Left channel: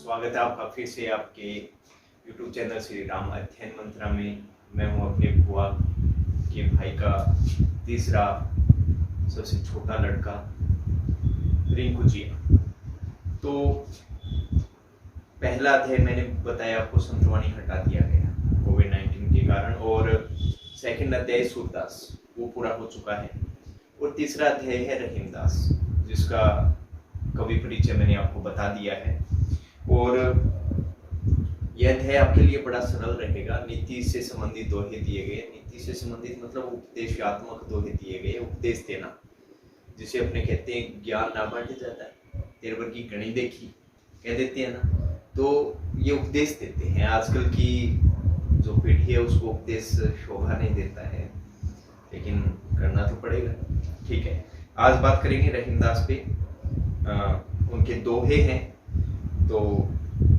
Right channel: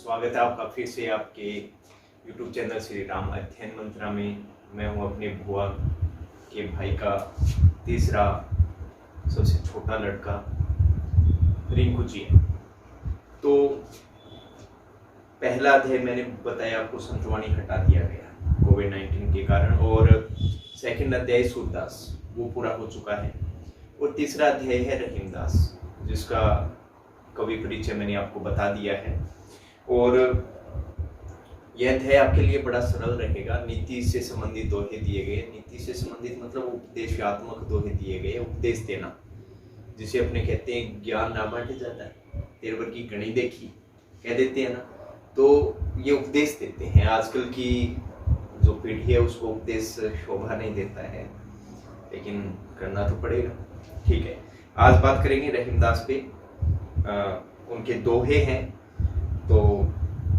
स्वागत है आपका फिर से आपके YouTube चैनल श्री राम अध्ययन मंत्रा में। मैं हूं अपने बुआ के भाई का तीसरा सबसे छोटा लड़का रिंकू जी। तो पहला अध्याय मैंने बताया आपको, संतवाणी हटा दिया गया कोविड-19 के कारण, और सेकंड अध्याय सूरदास वो पूरा हो चुका है, और तीसरा अध्याय है रहीमदास जिसका कवि परिचय मैंने आपको बता दिया है। और यह अध्याय आपके लिए बड़ा सरल रहेगा। नीति से संबंधित दोहे दिए गए, नीति से संबंधित मतलब उपदेशात्मक दोहे दिए गए, उपदेश देना जिसे अपने कहते हैं ज्ञान ना बांटे जाता है, 13 की गणी देखी कह देते हैं ना, तो ये उपदेश देते हैं। आजकल की जो पीढ़ी है उसको उपदेश शोभा नहीं देता है, लेकिन करना तो पड़ेगा। ठीक है, आज बात करेंगे रहीमदास पे। उनके दोहे हैं, तो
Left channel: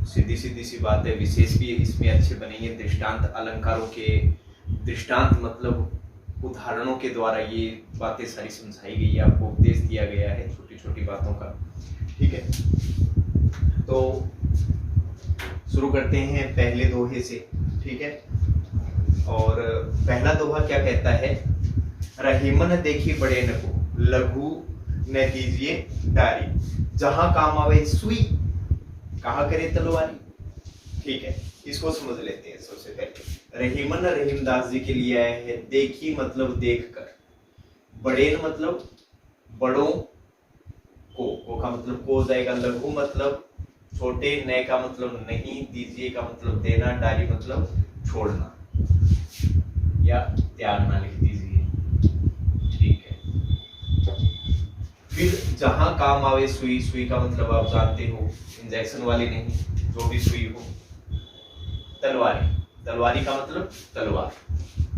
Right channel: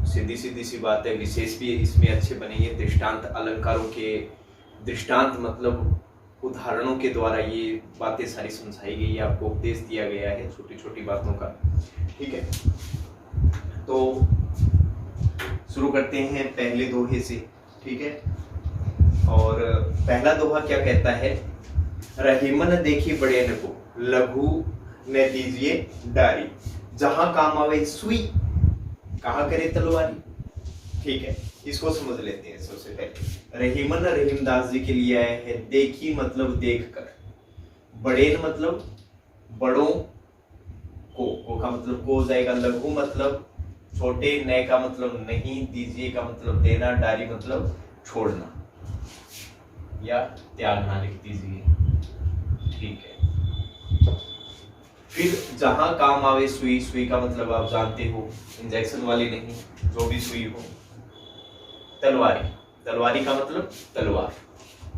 सीधी सी बात है, विशेष भी इसमें अच्छे बनेंगे। दृष्टांत अलंकारों के, दृष्टांत मतलब उदाहरणों के द्वारा ये बातें सारी समझाई गई है, आपको उपदेश दिया गया है छोटी छोटी बातों का। ठीक है, तो शुरू करते हैं पहले दोहे से। ठीक है, और पहला दोहा क्या कहता है? रहीमन देखी बड़े न को, लघु न दीजिए डारी, जहां काम आवे सुई, कहा करे तलवारी। ठीक है, इसको समझ लेते हैं। सबसे पहले रहीमन रहीमदास जी के लिए आया है। देखी मतलब देख कर, बड़े मतलब बड़ों को का मतलब को जाएगा, लघु मतलब छोटे, नए का मतलब नहीं, दीजिए का मतलब देना, डारी मतलब छोड़ना या त्यागना लिख दीजिए। ठीक है, फिर जहां काम आवे सुई, सुई का मतलब आप जानते हो इंजेक्शन वाली नहीं, जो भी सुई हो। तलवारी, तलवारी का मतलब तलवार।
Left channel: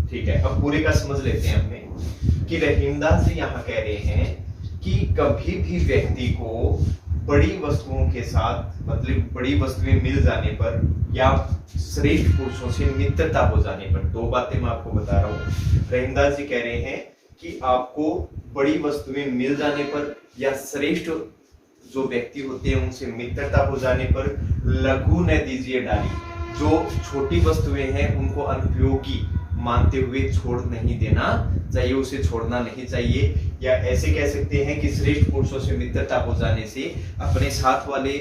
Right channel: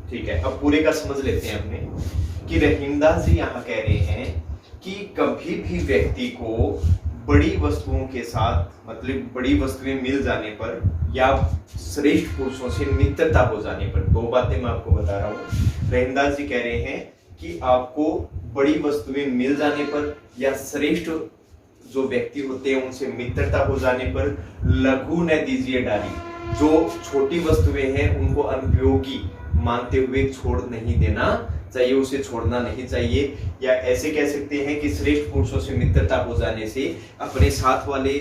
ठीक है, अब पूरे का समझ लेते हैं अपने कि रहीमदास जी यहाँ कह रहे हैं कि कभी भी व्यक्ति को बड़ी वस्तुओं के साथ, मतलब बड़ी वस्तुएं मिल जाने पर या श्रेष्ठ पुरुषों से मित्रता हो जाने पर, दो बातें मैं आपको बता रहा हूँ। रहीमदास जी कह रहे हैं कि आपको बड़ी वस्तुएं मिल जाने पर या श्रेष्ठ जो व्यक्ति होते हैं उनसे मित्रता हो जाने पर लघु न दीजिए डाली, जो छोटी वस्तुएं हैं उनको अनुपयोगी मानते हुए छोड़ नहीं देना चाहिए, उसे छोड़ना नहीं चाहिए। या ऐसे कह सकते हैं कि श्रेष्ठ पुरुषों से मित्रता हो जाने से अपने साथ वाले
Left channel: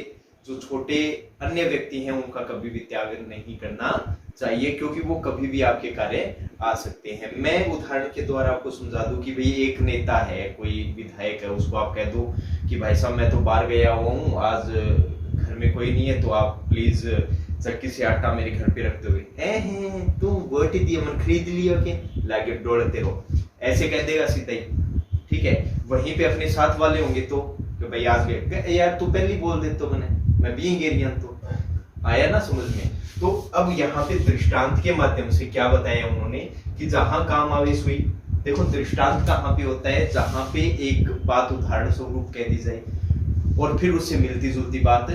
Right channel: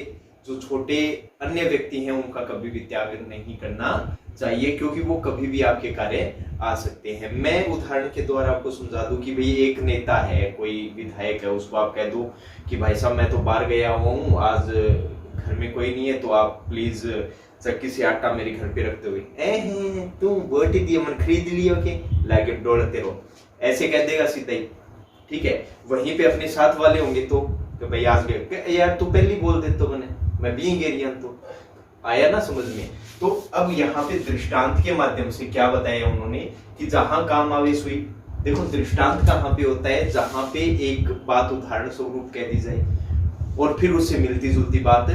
जो छोटे अन्य व्यक्ति हैं उनका कभी भी त्याग नहीं करना चाहिए, क्योंकि वो कभी भी आपके कार्य आ सकते हैं। मैं उदाहरण के द्वारा आपको समझा दूं कि भाई एक नेता है, कोई विधायक है, उसको आप कह दो कि भाई साहब मैं तो बाहर गया हुआ हूँ, आज घर में कोई नहीं है, तो आप प्लीज चक्की से आटा मेरे घर पे रखते हुए तू बोटी दिए मन खरीद लियो के लाके डोलते रहो, ऐसे कह देगा सीधा ही। ठीक है, वहीं पे अपने साथ वाले होंगे तो भाई आज गए, यार तू पहले बोल दे तो मैं भी गेरियन, तो आया ना समझ में। तो अब यहाँ पे दृष्टांत के माध्यम से क्या बताया उन्होंने कि जहां काम आवे सुई। देखो दृष्टांत कहाँ पे होता है? जहां पे एक बात उदाहरण स्वरूप कह दी जाए और फिर उससे मिलती जुलती बात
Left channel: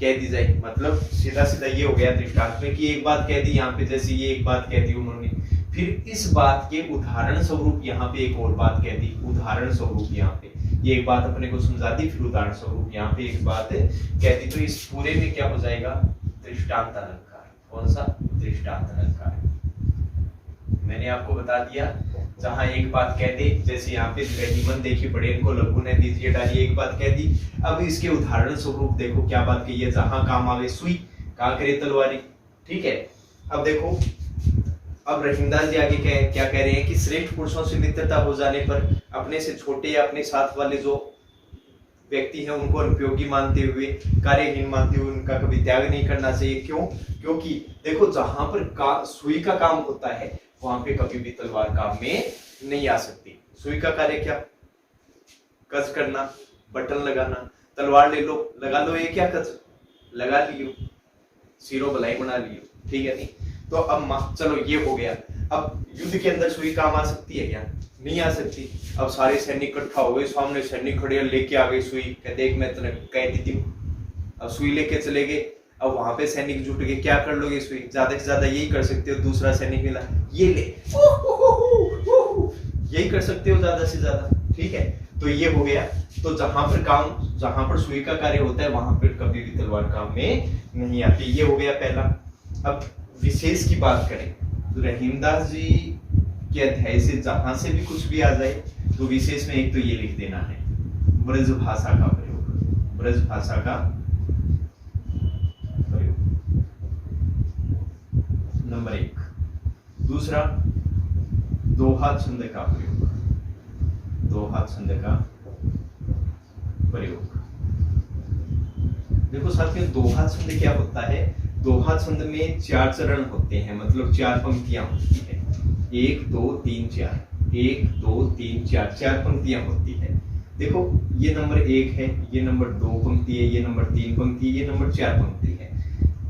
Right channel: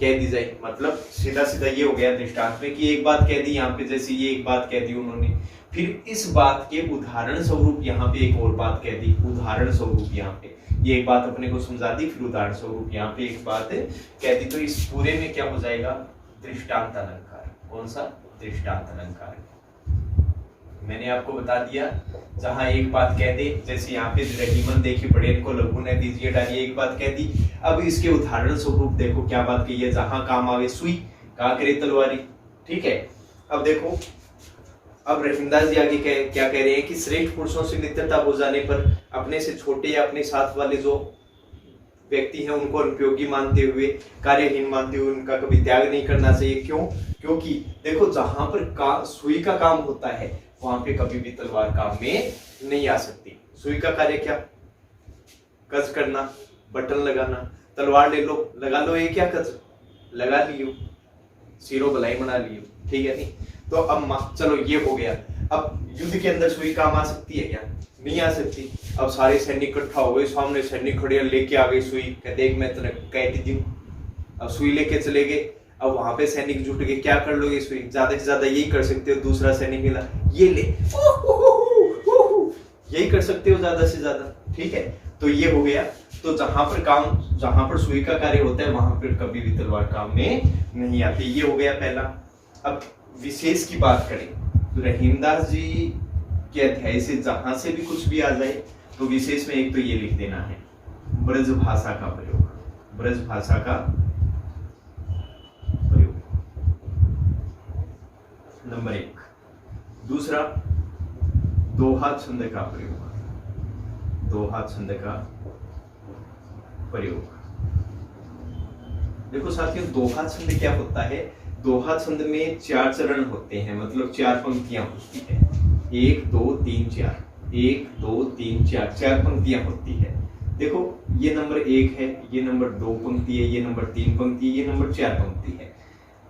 कह दी जाए। मतलब सीधा सीधा ये हो गया दृष्टांत में कि एक बात कह दी यहाँ पे, जैसे ये एक बात कह दी उन्होंने, फिर इस बात के उदाहरण स्वरूप यहाँ पे एक और बात कह दी, उदाहरण स्वरूप यहाँ पे ये एक बात अपने को समझा दी, फिर उदाहरण स्वरूप यहाँ पे एक बात कह दी। तो इस पूरे में क्या हो जाएगा? दृष्टांत अलंकार। कौन सा? दृष्टांत अलंकार। मैंने आपको बता दिया, जहां एक बात कह दे, जैसे यहाँ पे रहीमन देखी बड़े को, लघु न दीजिए डाली, एक बात कह दी। अब इसके उदाहरण स्वरूप देखो क्या बात कही है? जहां काम आवे सुई, कहा करे तलवारी। ठीक है, अब देखो, अब रहीमदास जी आगे क्या कह रहे हैं कि श्रेष्ठ पुरुषों से मित्रता हो जाने पर अपने से छोटे या अपने साथ वाले जो व्यक्ति हैं उनको अनुपयोगी मानते हुए, कार्यहीन मानते हुए उनका कभी त्याग नहीं करना चाहिए। क्यों? क्योंकि देखो जहां पर सुई का काम होता है वहां पे कभी भी तलवार काम में नहीं आ सकती। सुई का कार्य क्या? कस करना, बटन लगाना। तलवार ले लो, लगा लो, ये क्या कस लगा लियो, सिरो बलाई बना लियो। ठीक है, नहीं तो अब चलो ये हो गया। अब युद्ध के अंदर सुई काम आ सकती है क्या? नहीं आ सकती। अब सारे सैनिक इकट्ठा हो गए, सामने सैनिक खड़े, लेके आ गए सुई, देख मैं तुझे कहती हूँ। अब सुई लेके चले गए, अब वहां पे सैनिक जुट गए, क्या कर लोगे सुई? ज्यादा से ज्यादा यही कर सकते हो, दूसरा सैनिक मिला, ये ले, यही कर सकते हो ज्यादा से ज्यादा। ठीक है, तो ये हो गया। तो जहां पर सुई का कार्य होता है वहां पर कभी भी तलवार काम में नहीं आती। ये हो गया पहला। अब विशेष की बात करें तो रहीमदास जी के अध्याय से जहां से भी कुछ भी आ जाए तो विशेष में एक तो ये लिख देना है ब्रज भाषा का प्रयोग, ब्रज भाषा का प्रयोग नंबर 1। दूसरा दोहा छंद का प्रयोग, दोहा छंद का प्रयोग। देखो साथियों, दोहा छंद क्या होता है? दोहा छंद में 4 चरण होते हैं, मतलब 4 पंक्तियां होती है। 1 2 3 4, 1 2 3 4, 4 पंक्तियां होती है। देखो ये नंबर 1 है, ये नंबर 2 पंक्ति है, ये नंबर 3 पंक्ति है, ये नंबर 4 पंक्ति है।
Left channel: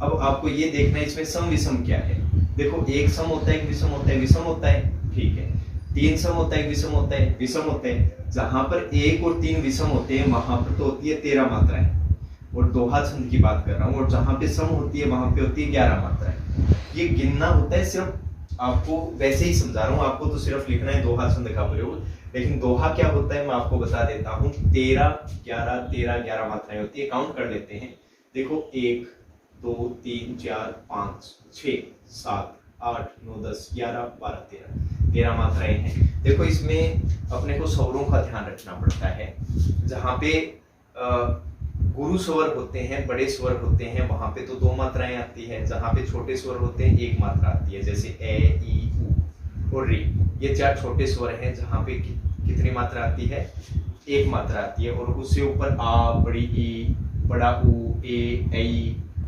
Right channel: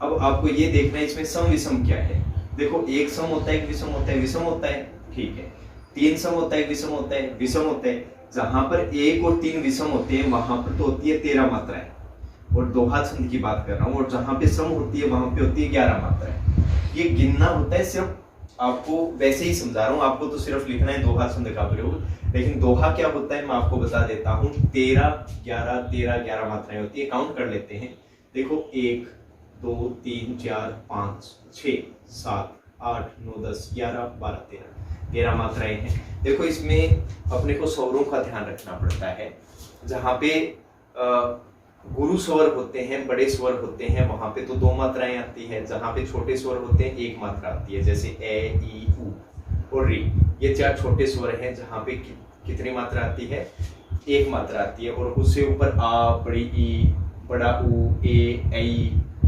अब आपको ये देखना है इसमें सम विषम क्या है। देखो एक सम होता है, एक विषम होता है, विषम होता है, ठीक है। 3 सम होता है, विषम होता है, विषम होता है। जहां पर 1 और 3 विषम होते हैं वहां पर तो होती है 13 मात्राएं, और दोहा छंद की बात कर रहा हूं। और जहां पे सम होती है वहां पे होती है 11 मात्राएं। ये गिनना होता है, सिर्फ आपको वैसे ही समझा रहा हूं, आपको तो सिर्फ लिखना है दोहा छंद का प्रयोग। लेकिन दोहा क्या होता है मैं आपको बता देता हूं। 13 11 13 11 मात्राएं होती है। काउंट कर लेते हैं। देखो 1 2 3 4 5 6 7 8 9 10 11 12 13 मात्राएं हैं। देखो इसमें अपने को स्वरों का ध्यान रखना पड़ता है। जहां पे गुरु स्वर होते हैं, बड़े स्वर होते हैं, वहां पे तो 2 मात्राएं आती है। जहां पे छोटे स्वर होते हैं 1 मात्रा आती है, जैसे ए ई उ और री। ये 4 छोटे स्वर हैं जहां पे कितनी मात्रा आती है? 1 मात्रा आती है। और उससे ऊपर आ, बड़ी ई, बड़ा उ, ए ऐ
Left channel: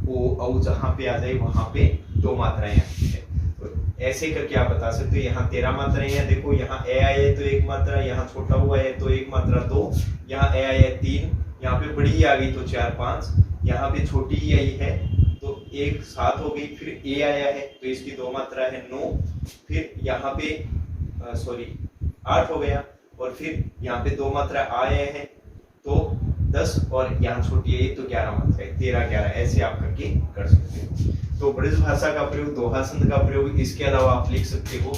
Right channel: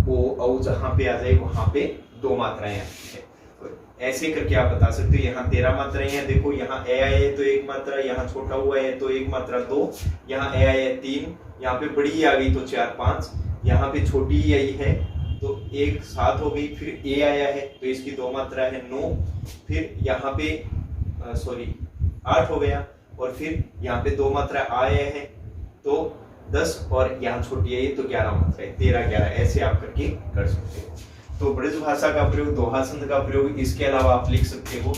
ओ औ जहां पे आ जाए वहां पे 2 मात्राएं आती है। तो ऐसे करके आप बता सकते हो। यहाँ 13 मात्राएं हैं। देखो यहाँ ए आए है तो 1 मात्रा, यहाँ छोटा हुआ है तो 1 मात्रा 2, यहाँ ए आए है 3, यहाँ पे बड़ी आ गई तो 4 5, यहाँ पे छोटी ही आई है तो 1 7 हो गई। फिर ए आया है तो इसकी 2 मात्रा है 9, फिर यहाँ पे 8 हो गया, और फिर यहाँ पे 2 मात्रा आए हैं तो 10, और यहाँ छोटी है तो 11 मात्रा है, 13 11 ऐसे आप करके कर सकते हो। तो ब्रज भाषा का प्रयोग, दोहा छंद का प्रयोग, इसके अलावा आप लिख सकते हो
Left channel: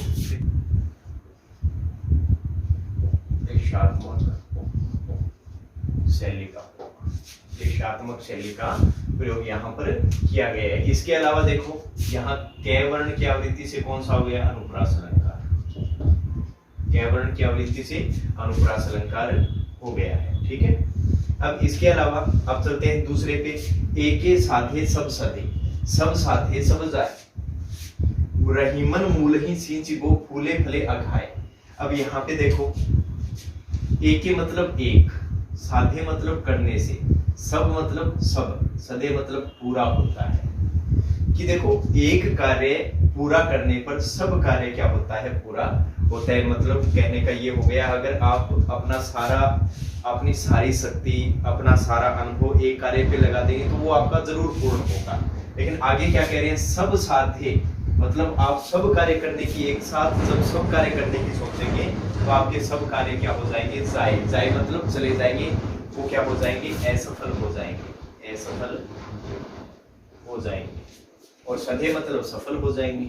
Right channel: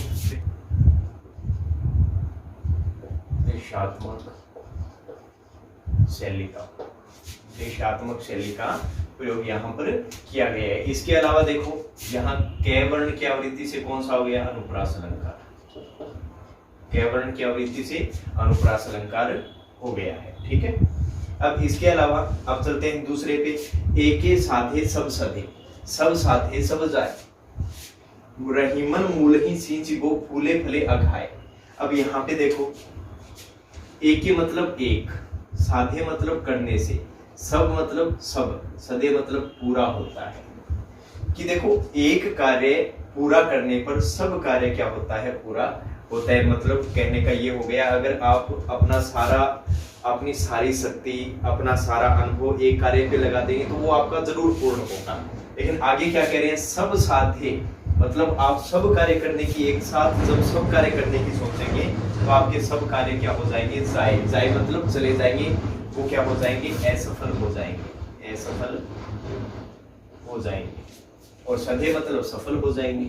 देशात्मक शैली का, देशात्मक शैली का प्रयोग यहाँ पर किया गया है। इसके अलावा देखो यहाँ कै वर्ण की आवृत्ति से कौन सा हो गया? अनुप्रास अलंकार। कै वर्ण की आवृत्ति से अनुप्रास अलंकार हो गया है, ठीक है। अब इसके अलावा अब चलते हैं दूसरे पे। एके साधे सब सधे, सब साधे सब जाए, रहीमन मूल ही सींच गो, फूले फले अघाए। अब यहाँ पे देखो एके मतलब एक, साधे मतलब करने से, सब मतलब सब, सदे मतलब पूरा होता है। कि देखो एक कार्य पूरा करने पर सब कार्य क्या होता है? पूरा होता है। मतलब कहने का ये हो गया, अगर आप अपनी सारी शक्ति, अपना सारा अनुभव एक कार्य पे लगा देंगे तो वो आपका जरूर पूर्ण होगा। लेकिन आगे क्या कह रहे हैं? सब साधे, मतलब आप सब कार्य करने की, एक साथ जब सब कार्य करने की सोचेंगे तो आपके सब कार्य क्या हो जाएंगे? जाए, जाए मतलब चले जाएंगे, वो क्या हो जाएंगे? असफल हो जाएंगे, असफल हो जाएंगे। और सधे मतलब सफल हो जाएंगे,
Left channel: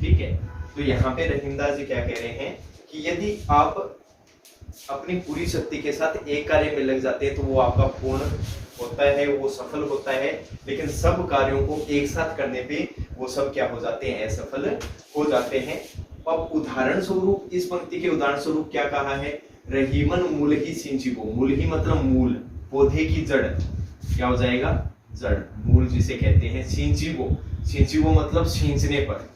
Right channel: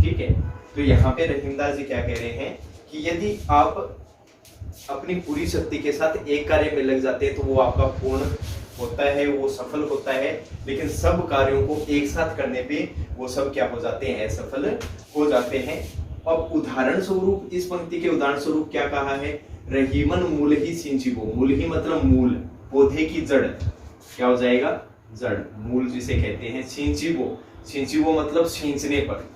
ठीक है। तो यहाँ पे रहीमदास जी क्या कह रहे हैं कि यदि आप अपनी पूरी शक्ति के साथ एक कार्य में लग जाते हैं तो वो आपका पूर्ण होता है, वो सफल होता है। लेकिन सब कार्यों को एक साथ करने पे वो सब क्या हो जाते हैं? असफल हो जाते हैं। अब उदाहरण स्वरूप, इस पंक्ति के उदाहरण स्वरूप क्या कहा है? रहीमन मूल ही सिंचिबो, मूल ही मतलब मूल, पौधे की जड़, क्या हो जाएगा? जड़, मूल जिसे कहते हैं। सिंचिबो, सिंचिबो मतलब सींचने पर।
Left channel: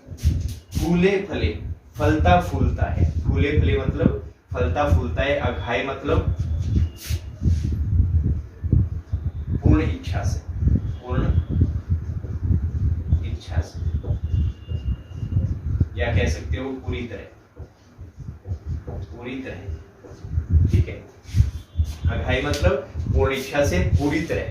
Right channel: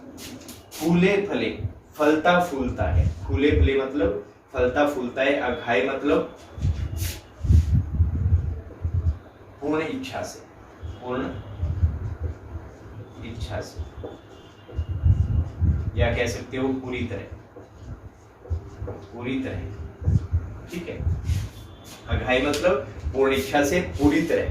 फूले फले, फलता फूलता है, फूले फले मतलब फलता फूलता है। अघाए मतलब पूर्ण इच्छा से, पूर्ण इच्छा से, या कह सकते हो पूरी तरह, पूरी तरह, ठीक है। अघाई मतलब पूर्ण इच्छा से, पूरी तरह,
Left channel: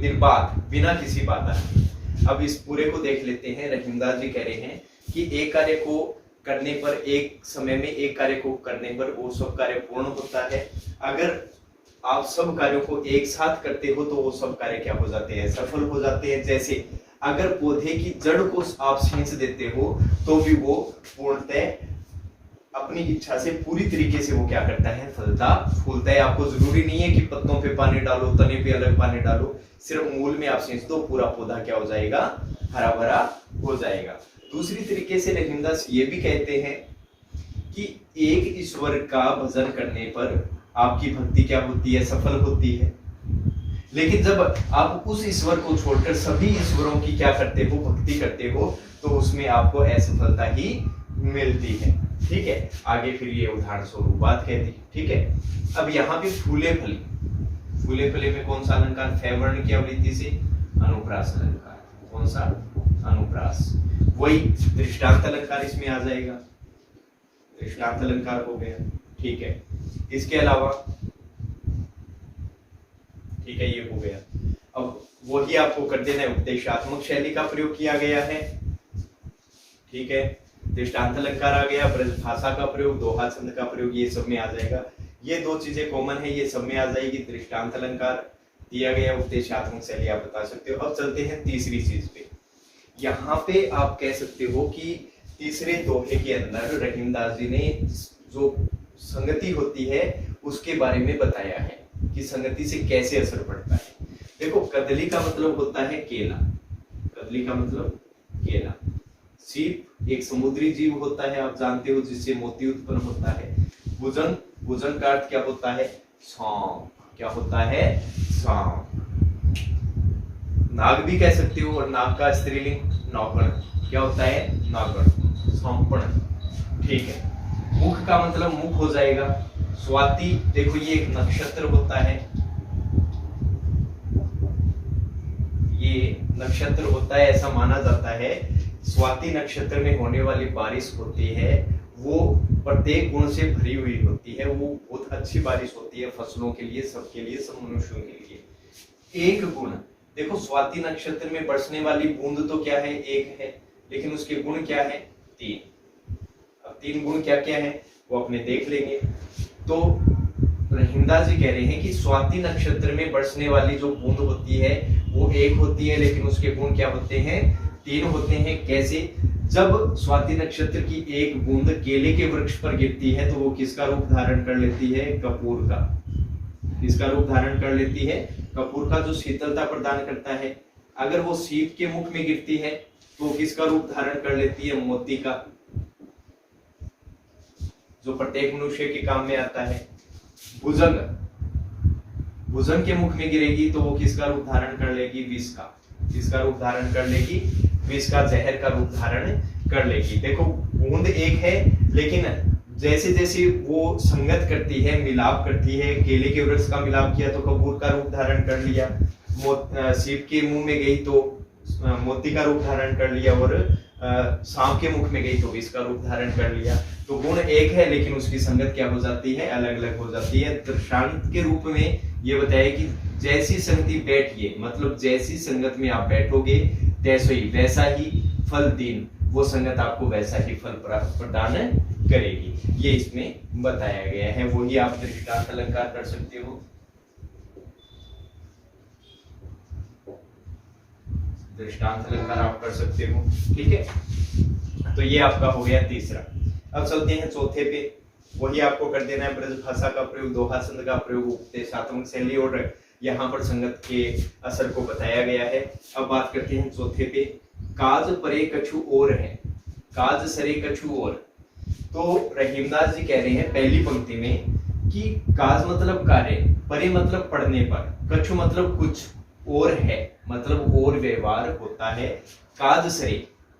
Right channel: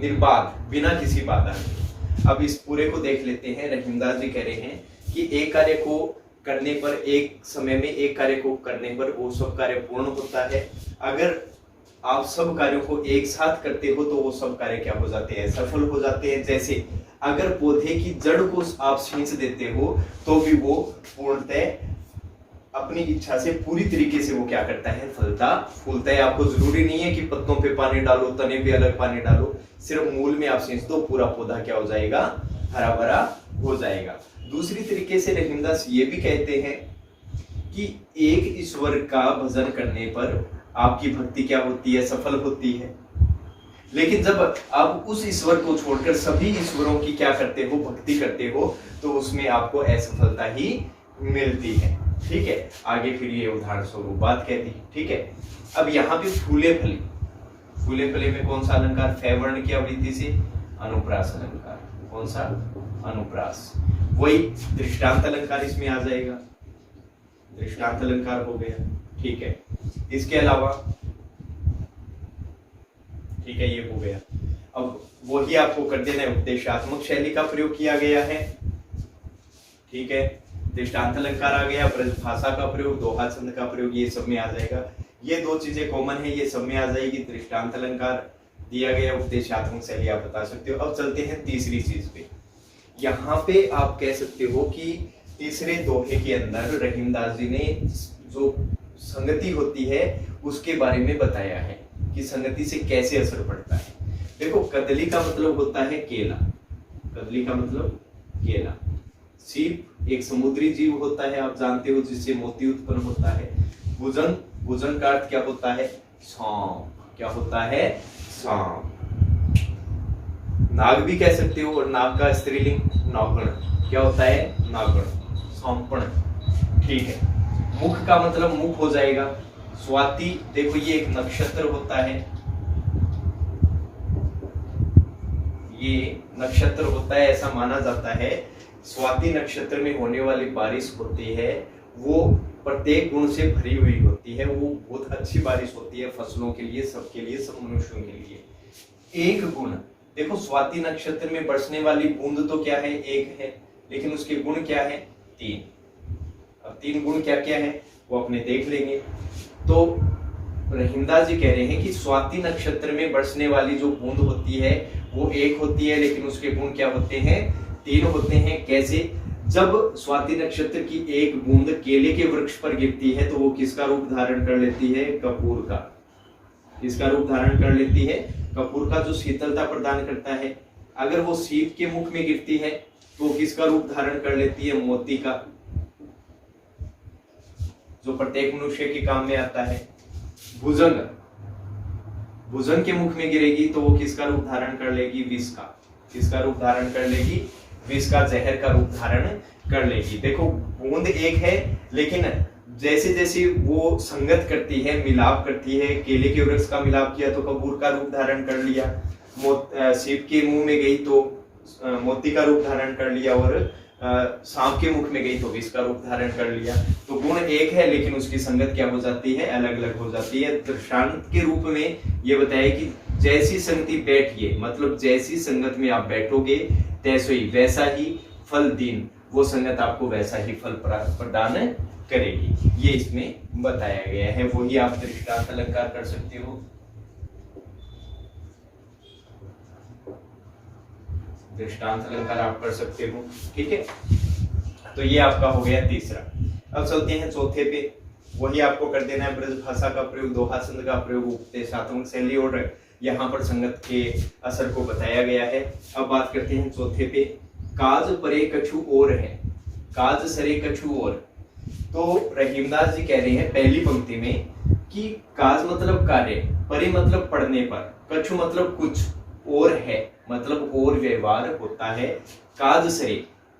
निर्बाध, बिना किसी बाधा के। अब इस पूरे को देख लेते हैं। रहीमदास जी कह रहे हैं कि एक कार्य को करने पर, एक समय में एक कार्य को करने पर वो सब कार्य पूर्ण होता है। अगर आप सब कार्यों को एक साथ करते हो तो वो सब कार्य क्या हो जाते हैं? सफल हो जाते हैं। जैसे अगर पौधे की जड़ को आप सींच देते हो तो भी वो पूर्णतः अपनी इच्छा से पूरी तरीके से वो क्या करता है, फलता फूलता है। आपको जरूरी नहीं है कि पत्तों पे पानी डालो, तने पे अलग पानी डालो, सिर्फ मूल में आप सींच दो, पूरा पौधा क्या हो जाएगा, हरा भरा हो जाएगा। दूसरी तरीके से रहीमदास ये भी कहते हैं कि एक ईश्वर का भजन करने पर आपकी भक्ति क्या होती है, सफल होती है। लेकिन जब आप उस ईश्वर को छोड़कर सभी ईश्वरों की क्या करते हो, भक्ति करते हो, तो उसमें आपको असफलता ही मिलती है। ठीक है, आगे फिर ये उदाहरण स्वरूप बात कहती है। ठीक है, अब यहाँ पे फूले फली, फूले फले में कौन सा अलंकार, फे वर्ण की आवृत्ति से अनुप्रास अलंकार। कौन सा, अनुप्रास। वही दृष्टांत अलंकार इसमें आ जाएगा, दृष्टांत अलंकार हो गया। ठीक है, इसके अलावा ठीक है, ये हो गया। अब वही आपको कर देना है, उपदेशात्मक शैली का प्रयोग किया गया है। ठीक है, दृष्टांत अलंकार आ गया, ब्रज भाषा का प्रयोग, दोहा छंद का प्रयोग, ये सब में आ जाएगा। ये दो चीजें कॉमन है, ये सब में आ जाएगी। दृष्टांत अलंकार दिया गया, उपदेशात्मक शैली आप बता सकते हो। अब चलते हैं तीसरी चीज पे। यहाँ पे आप कह सकते हो कि तीसरे दोहे के अंदर रहीमदास जी ने जो संगति होती है उसके बारे में बताया है कि संगति से कैसे असर पड़ता है। देखो, कदली का मतलब होता है केला, कदली का मतलब केला। सीप एक समुद्री जीव होता है, आप जानते हो, जिससे मोती उत्पन्न होता है। भुजंग, भुजंग का अर्थ क्या होता है, सांप। क्या होता है, सांप। नाग भी कह सकते हो, और नाग का स्त्रीलिंग नौगण। क्या होता है, नागण, सौंपण। ठीक है, मुख का मतलब मुख हो जाएगा। स्वाति, देखो ये एक नक्षत्र होता है, ये नक्षत्र होता है, ऐसा माना जाता है। स्वाति नक्षत्र में होने वाली बारिश होती है, वो प्रत्येक गुण से भरी हुई होती है, वो बहुत अच्छी बारिश होती है फसलों के लिए, सबके लिए, सब मनुष्यों के लिए। एक गुण, देखो स्वाति नक्षत्र में बरसने वाली बूंद तो क्या है, एक है, लेकिन उसके गुण क्या है, तीन। अब तीन गुण क्या क्या है वो अपने देख लेंगे। तो रहीमदास जी कह रहे हैं कि स्वाति नक्षत्र में बरसने वाली जो बूंद होती है वो एक होती है, लेकिन उसके गुण क्या होते हैं, तीन होते हैं। कैसे, जब स्वाति नक्षत्र की एक बूंद केले के वृक्ष पर गिरती है तो वो किसका रूप धारण कर लेती है, कपूर का। किसका रूप धारण कर लेती है, कपूर का, जो शीतलता प्रदान करता है। अगर वो सीप के मुख में गिरती है तो किसका रूप धारण कर लेती है, मोती का, जो प्रत्येक मनुष्य के काम में आता है। भुजंग, भुजंग के मुख में गिरेगी तो वो किसका रूप धारण कर लेगी, विष का। किसका रूप धारण कर लेगी, विष का, जहर का रूप धारण कर लेगी। देखो बूंद एक है, लेकिन जैसे जैसे वो संगत करती है, मिलाप करती है, केले के वृक्ष का मिलाप किया तो कपूर का रूप धारण कर लिया, सीप के मुंह में गई तो मोती का रूप धारण कर लिया, और सांप के मुख में गई तो विष का रूप धारण कर लिया। तो गुण एक है, लेकिन उसकी संगत क्या हो जाती है, अलग अलग हो जाती है। दृष्टांत के रूप में ये बताया कि जैसी संगति बैठिए, मतलब जैसी संगत में आप बैठोगे तैसे ही वैसा ही फल दीन, वो संगत आपको वैसा ही फल प्रदान करेगी, ये इसमें बताया गया है। वही आप दृष्टांत अलंकार कर सकते हो। दृष्टांत अलंकार आप कर सकते हो। ठीक है, तो ये आपका हो गया तीसरा। अब चलते हैं चौथे पे। वही आपको कर देना है, ब्रज भाषा का प्रयोग, दोहा छंद का प्रयोग, उपदेशात्मक शैली, और यहाँ पर संगत के असर को बताया गया है। अब बात करते हैं चौथे पे। काज परे कछु और है, काज सरे कछु और। तो रहीमदास जी कह रहे हैं पहली पंक्ति में कि काज मतलब कार्य, परे मतलब पढ़ने पर, कछु मतलब कुछ, और है मतलब और व्यवहार होता है। काज सरे,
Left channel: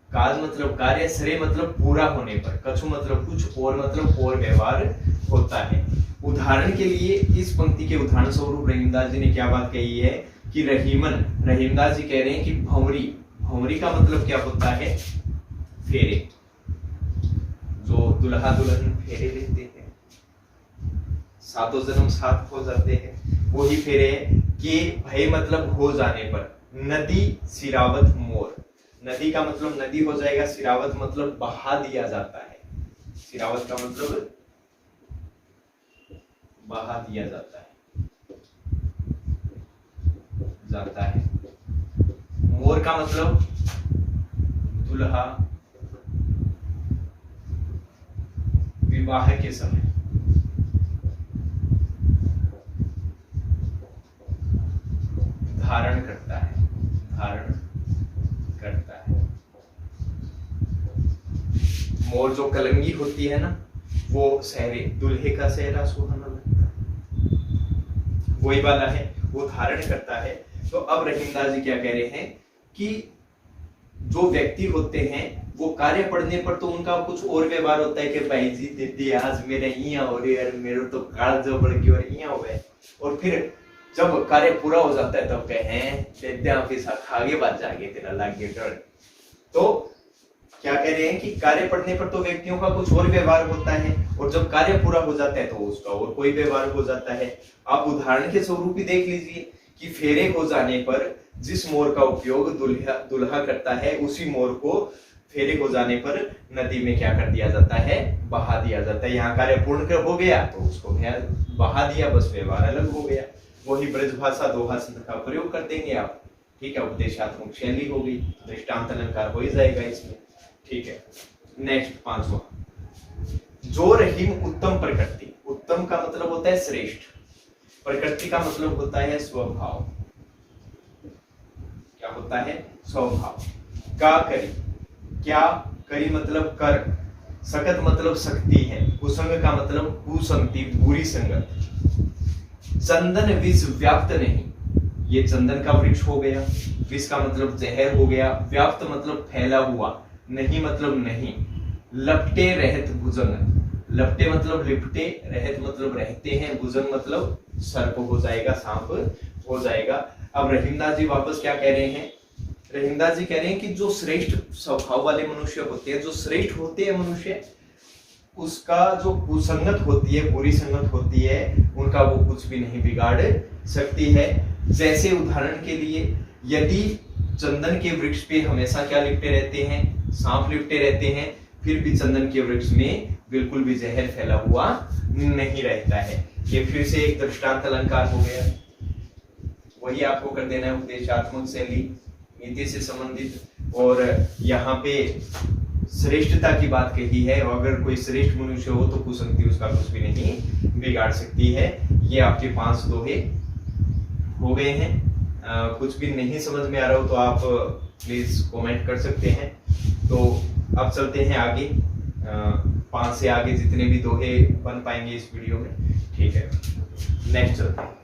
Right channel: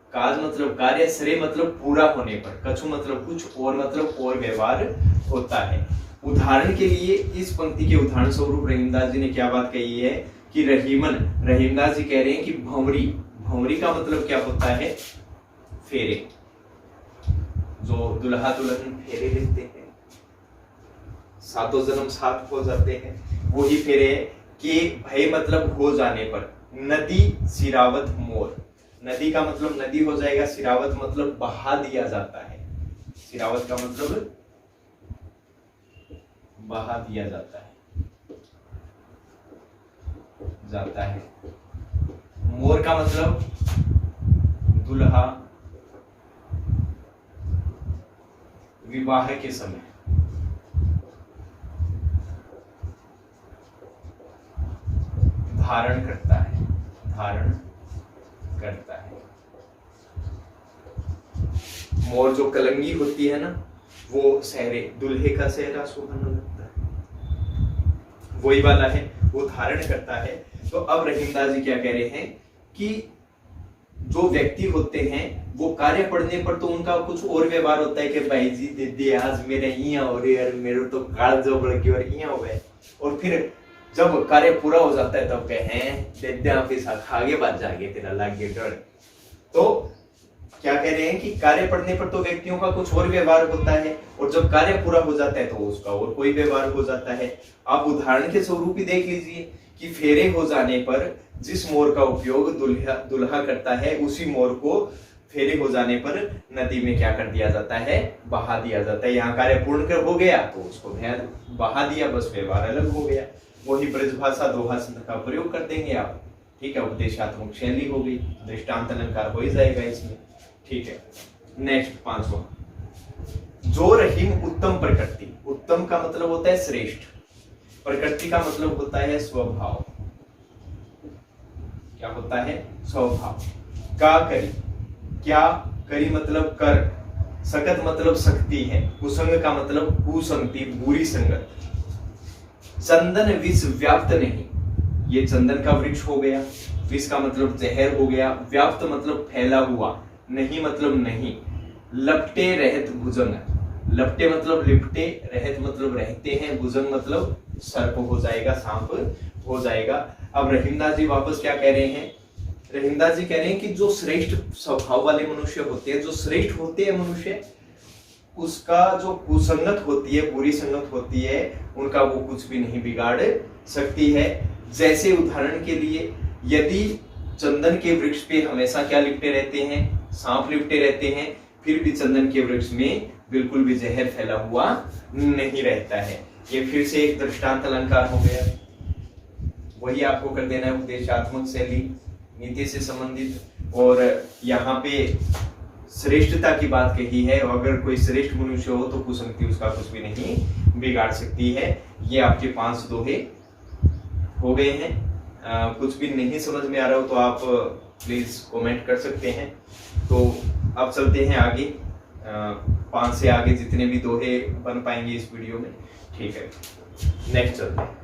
काज मतलब कार्य, सरे मतलब पूरा होने पर, कछु मतलब कुछ, और मतलब और व्यवहार होता है। उदाहरण के लिए इस पंक्ति के उदाहरण स्वरूप रहीमदास जी ने क्या बात कही है कि रहीमन, रहीमदास जी कह रहे हैं कि भंवरी, भंवरी का मतलब क्या होता है, फेरे, जो दुल्हा दुल्हन फेरे लेते हैं, सातों जन्म साथ हो जाते हैं, वही फेरे के भय मतलब हो जाने पर। नदी सिरावत मोर, नदी का मतलब नदी हो जाएगा, सिरावत मतलब बहा दिया जाता है, सिरावत का मतलब बहा दिया जाता है। मोर का मतलब दुल्हा विवाह के समय धारण करता है, धारण करता है। मोर जो कलंगी होती है ना, वो सहरे, दुल्हे का सेहरा सुहाना लगता है, वही वाला है, वो धारण करता है। तो अब रहीमदास जी क्या कह रहे हैं कि जो व्यक्ति होते हैं वो कार्य पड़ने पर तो उनका कुछ और व्यवहार होता है कि भाई जी दीदी आज मेरे यहाँ हो रही है, मेरे तो काल जो बढ़ गई और यहाँ हो गए, और फिर जब कार्य पूरा हो जाता है तब कहे हैं आगे बात जागे तेरा लागे डर। तो क्या कह रहे हैं कि कार्य पड़ने पर तो व्यक्तियों का कुछ और व्यवहार होता है, और जब कार्य पूरा हो जाता है तो उसका और कोई व्यवहार हो जाता है। आप उदाहरण के स्वरूप ही देख लीजिए कि फेरे हो जाने पर जिस मोर का उपयोग दुल्हा करता है, उसी मोर को फेरे हो जाने पर नदी में क्या कर दिया जाता है, बहा दिया जाता है। यहाँ कार्य पूर्ण कर हो गया तो उसको बहा दिया, बस व्यवहार अलग हो गया। वही ब्रज भाषा दोहा संध का प्रयोग कर देंगे आप, ठीक है, उपदेशात्मक शैली होगी, दृष्टांत अलंकार हो ही जाएगा इसमें, ठीक है। नेक्स्ट 5वां, जो रहीम उत्तम प्रकृति, उत्तम का मतलब होता है श्रेष्ठ, प्रकृति का मतलब होता है स्वभाव, क्या होता है, स्वभाव। का करी, क्या करी मतलब कर, सकत मतलब शक्ति है, कुसंग का मतलब कुसंगति, बुरी संगत। चंदन विष व्याप्त नहीं, ये चंदन का वृक्ष हो गया, विष का मतलब जहर हो गया, व्याप्त मतलब फैला हुआ, नहीं मतलब नहीं। लपटे रहत भुजंग, लपटे मतलब लिपटे, रहत मतलब रहते हैं, भुजंग मतलब सर्प हो जाएगा, सांप हो जाएगा। अब रहीमदास जी वापस क्या कह रहे हैं, रहीमदास जी कह रहे हैं कि जो श्रेष्ठ स्वभाव वाले मनुष्य होते हैं, जो श्रेष्ठ होते हैं मनुष्य, उसका जो कुसंगत होती है, बुरी संगत होती है, उनका वो कुछ भी नहीं बिगाड़ सकती है। जैसे उदाहरण के लिए, यदि चंदन के वृक्ष पे हमेशा क्या लिपटे रहते हैं, सांप लिपटे रहते हैं, फिर भी चंदन के वृक्ष में बिल्कुल भी जहर फैला हुआ नहीं रहता है। ये फिर से एक दृष्टांत अलंकार हो गया, वही आपको कर देना है, उपदेशात्मक शैली, नीति से संबंधित। और यहाँ पे श्रेष्ठता की बात कही है, और अगर कोई श्रेष्ठ मनुष्य हो तो कुसंगति उसका कुछ भी नहीं बिगाड़ सकती है। ये आपके 5 दोहे हो गए हैं। कुछ भी नहीं समझ में आ रहा हो तो आप प्लीज कमेंट कर सकते हैं। तो अब चलते हैं आगे, 5 से आगे जितने भी दोहे बन पाएंगे इस वीडियो में, ठीक है। नेक्स्ट चलते हैं।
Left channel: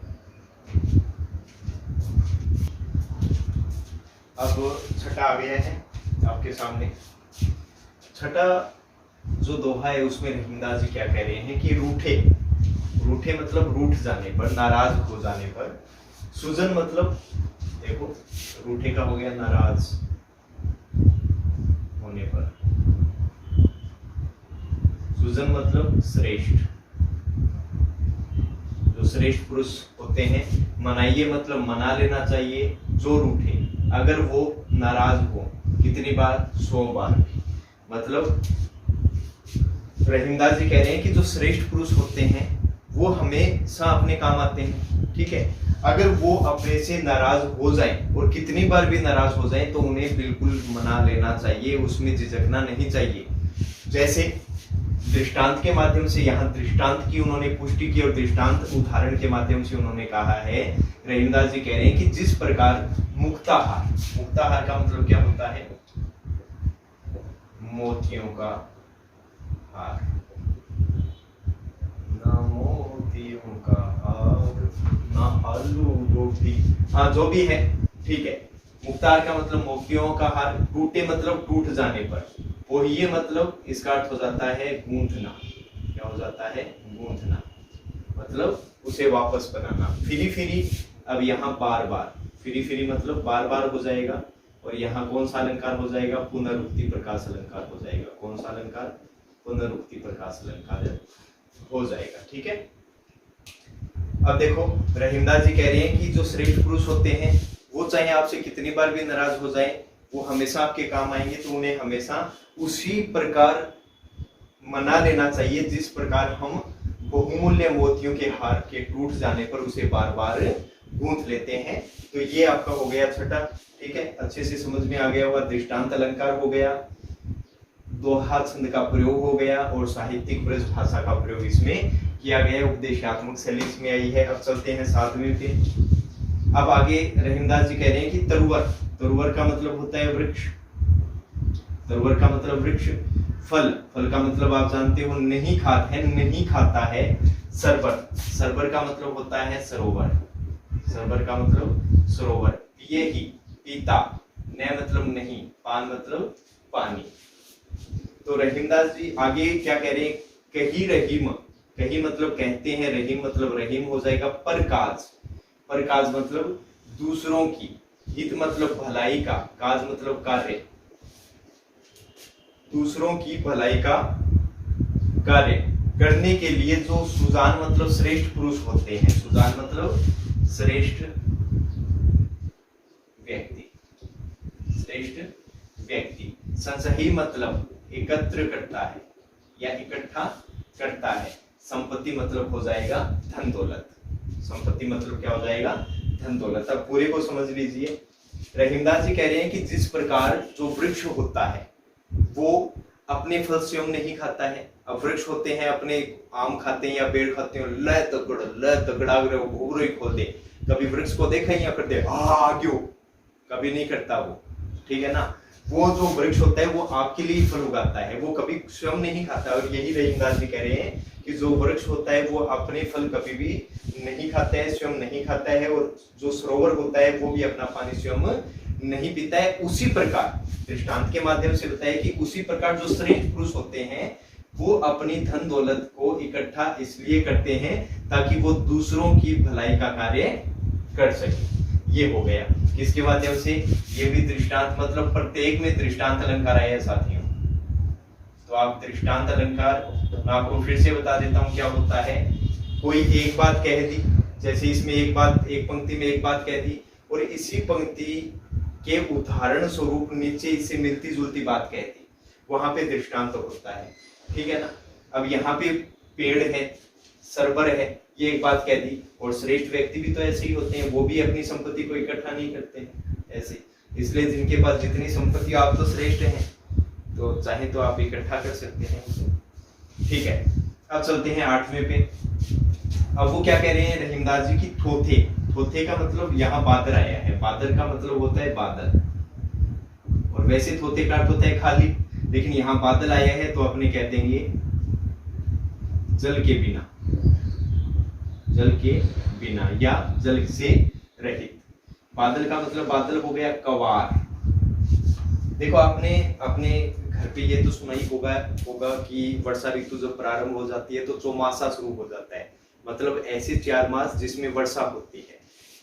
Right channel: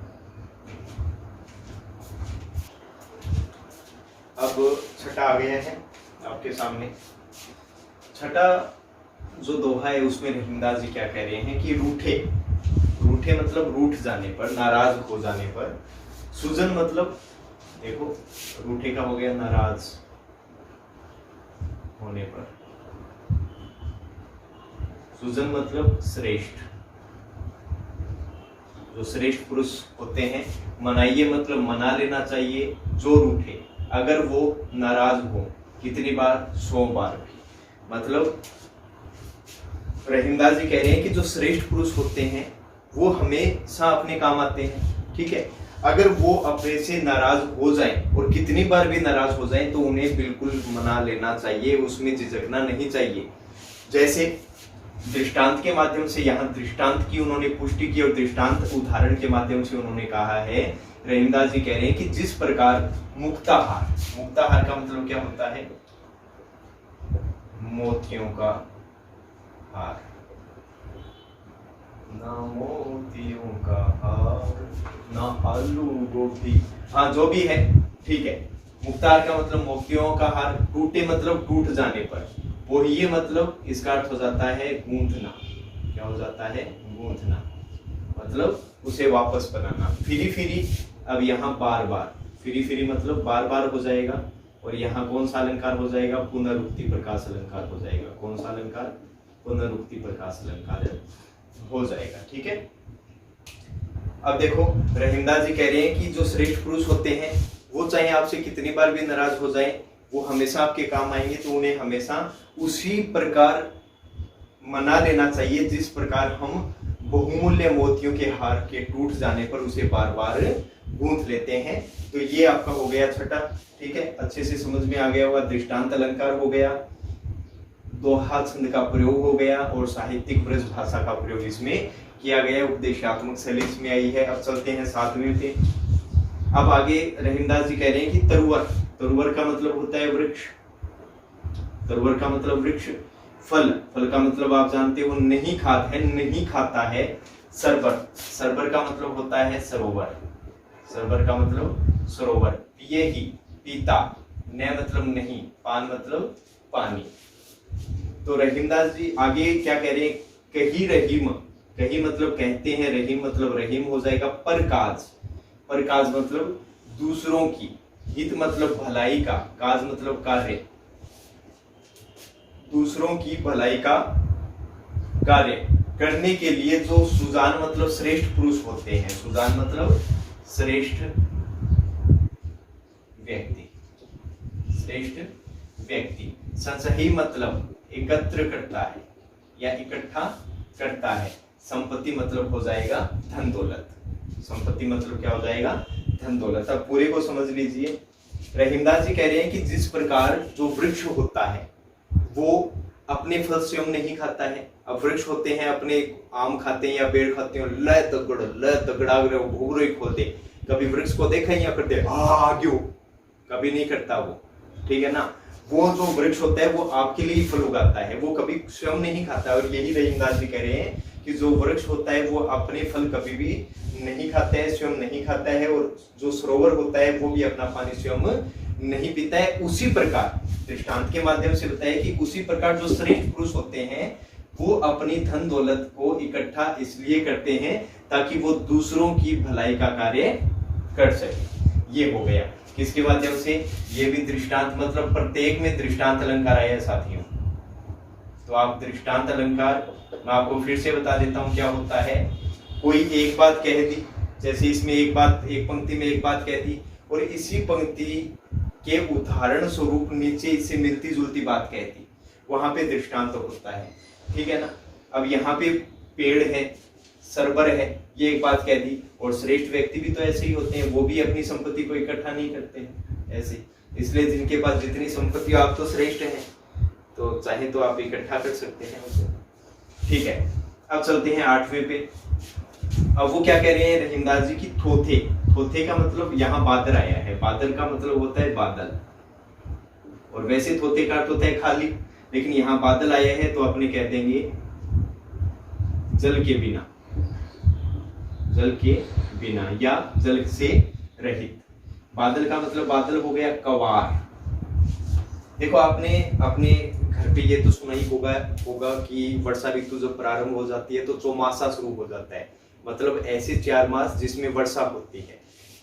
अब छठा आ गया है आपके सामने। छठा जो दोहा है उसमें रहीमदास जी क्या कह रहे हैं कि रूठे, रूठे मतलब रूठ जाने पर, नाराज हो जाने पर। सुजन मतलब, देखो रूठे का हो गया नाराज होने पर, सुजन मतलब श्रेष्ठ, जो श्रेष्ठ पुरुष होते हैं। मनाइए मतलब मना लेना चाहिए जो रूठे, अगर वो नाराज हो, कितनी बार, 100 बार। मतलब रहीमदास जी कह रहे हैं कि जो श्रेष्ठ पुरुष होते हैं वो हमेशा अपने काम आते हैं, ठीक है। अगर वो अपने से नाराज हो जाएं, और कितनी बार भी नाराज हो जाएं, तो उन्हें बिल्कुल मना लेना चाहिए, उसमें झिझकना नहीं चाहिए। जैसे दृष्टांत के माध्यम से, यहाँ दृष्टांत की उन्होंने पुष्टि की, और दृष्टांत उदाहरण के माध्यम से उन्होंने कहा है, रहीमदास जी कह रहे हैं कि जिस प्रकार मुक्ताहार, मुक्ताहार का मतलब क्या होता है, मोतियों का हार, ना मोतियों का हार ना आलू गोभी, हाँ जो भी है, ठीक है। मुक्ताहार का मतलब मोतियों का हार, टूटे मतलब टूट जाने पर, वो ये मतलब इसका अर्थ हो जाता है गूंथना। क्या हो जाता है, गूंथना, मतलब उसे वापस बनाना। फिरी फिरी, अब यहाँ बार बार, फिरी फिरी मतलब बार बार हो जाएगा, और यहाँ कौन सा अलंकार हो जाएगा, पुनरुक्ति प्रकाश अलंकार हो जाएगा। कौन सा अलंकार, पुनरुक्ति प्रकाश अलंकार हो जाएगा, ठीक है। अब देखो रहीमदास जी कह रहे हैं कि जो श्रेष्ठ पुरुष होते हैं वो चाहे आपसे कितनी बार भी नाराज हो जाए, वो हमेशा आपके काम आएंगे, तो उन्हें हमेशा उसी प्रकार मना लेना चाहिए जिस प्रकार हम बहुमूल्य मोतियों के हार के टूट जाने पर उसे बार बार गूंथ लेते हैं। तो ये आपका हो गया छठा, ठीक है, अच्छे से समझ में आ गया होगा। दृष्टांत अलंकार हो गया, दोहा छंद का प्रयोग हो गया और साहित्यिक ब्रज भाषा का प्रयोग इसमें किया गया। उपदेशात्मक शैली इसमें आई है। अब चलते हैं 7वें पे। अब आगे रहीमदास जी कह रहे हैं कि तरुवर, तरुवर का मतलब होता है वृक्ष, तरुवर का मतलब वृक्ष। फल, फल का मतलब आप जानते हो नहीं खाता है, नहीं खाता है। सरबर, सरबर का मतलब होता है सरोवर, सरबर का मतलब सरोवर। पिए ही, पीता, न मतलब नहीं, पान मतलब पानी। तो रहीमदास जी आगे क्या कह रहे हैं, कही रहीम, कही मतलब कहते हैं, रहीम मतलब रहीम हो जाएगा। परकाज, परकाज मतलब दूसरों की, हित मतलब भलाई का, काज मतलब कार्य, दूसरों की भलाई का कार्य करने के लिए जो सुजान मतलब श्रेष्ठ पुरुष होते हैं, सुजान मतलब श्रेष्ठ व्यक्ति, श्रेष्ठ व्यक्ति। संसही मतलब एकत्र करता है या इकट्ठा करता है। संपत्ति मतलब हो जाएगा धन दौलत, संपत्ति मतलब क्या हो जाएगा, धन दौलत। अब पूरे को समझ लीजिए। रहीमदास जी कह रहे हैं कि जिस प्रकार जो वृक्ष होता है वो अपने फल स्वयं नहीं खाता है। अब वृक्ष होते हैं अपने आम खाते हैं या पेड़ खाते हैं, ल तगड़ा घूर खोल दे। कभी वृक्ष को देखा या करते आग्यो, कभी नहीं करता वो, ठीक है ना। वो जो वृक्ष होता है वो आपके लिए फल उगाता है, वो कभी स्वयं नहीं खाता। और यही रहीमदास जी कह रहे हैं कि जो वृक्ष होता है वो अपने फल कभी भी नहीं खाता है, स्वयं नहीं खाता है। और जो सरोवर होता है वो भी अपना पानी स्वयं नहीं पीता है। उसी प्रकार दृष्टांत के माध्यम से बताया कि उसी प्रकार जो श्रेष्ठ पुरुष होते हैं वो अपनी धन दौलत को इकट्ठा इसलिए करते हैं ताकि वो दूसरों की भलाई का कार्य कर सके। ये हो गया किसके माध्यम से, ये भी दृष्टांत मतलब प्रत्येक में दृष्टांत अलंकार आया है साथियों। तो आप दृष्टांत अलंकार मैं आपको फिर से बता देता हूं क्या होता है। कोई एक बात कह दी, जैसे इसमें एक बात, एक पंक्ति में एक बात कह दी और इसी पंक्ति के उदाहरण स्वरूप नीचे इससे मिलती जुलती बात कह दी, वहां पे दृष्टांत होता है, ठीक है ना। अब यहाँ पे पेड़ है, सरबर है, ये एक बात कह दी। और श्रेष्ठ व्यक्ति भी तो ऐसे ही होते हैं, वो भी अपनी संपत्ति को इकट्ठा नहीं करते हैं ऐसे। इसलिए जिनके पास जितनी संपत्ति, आप तो श्रेष्ठ हैं तो चाहे तो आप इकट्ठा कर सकते हैं उसे, ठीक है। अब चलते हैं 8वें पे। अब वो क्या कह रहे हैं रहीमदास जी की, थोथे, थोथे का मतलब यहाँ बादल आया है। बादल का मतलब होता है बादल, और वैसे थोथे का अर्थ होता है खाली, लेकिन यहाँ बादल आया है तो अपने कह देंगे जल के बिना, जल के बिना या जल से रहित। बादल का मतलब बादल हो गया कवार। देखो आपने अपने घर पे ये तो सुना ही होगा कि वर्षा ऋतु जब प्रारंभ हो जाती है तो चौमासा शुरू हो जाता है, मतलब ऐसे 4 मास जिसमें वर्षा होती है।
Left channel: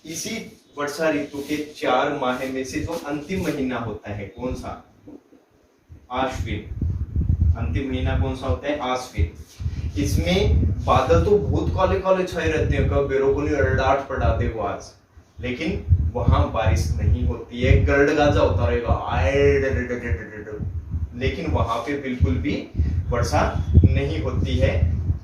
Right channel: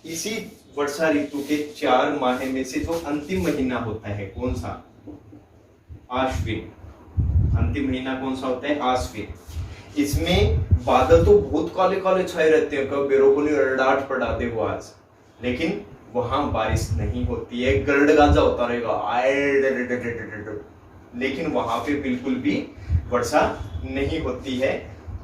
इसी वर्षा ऋतु के 4 माह में से जो अंतिम महीना होता है कौन सा, आश्विन। अंतिम महीना कौन सा होता है, आश्विन। इसमें बादल तो बहुत काले काले छाए रहते हैं, कब बेरों को डांट पड़ा दे वो आज, लेकिन वहां बारिश नहीं होती है, गरड़ गाजा होता रहेगा, लेकिन वहां पे बिल्कुल भी वर्षा नहीं होती है।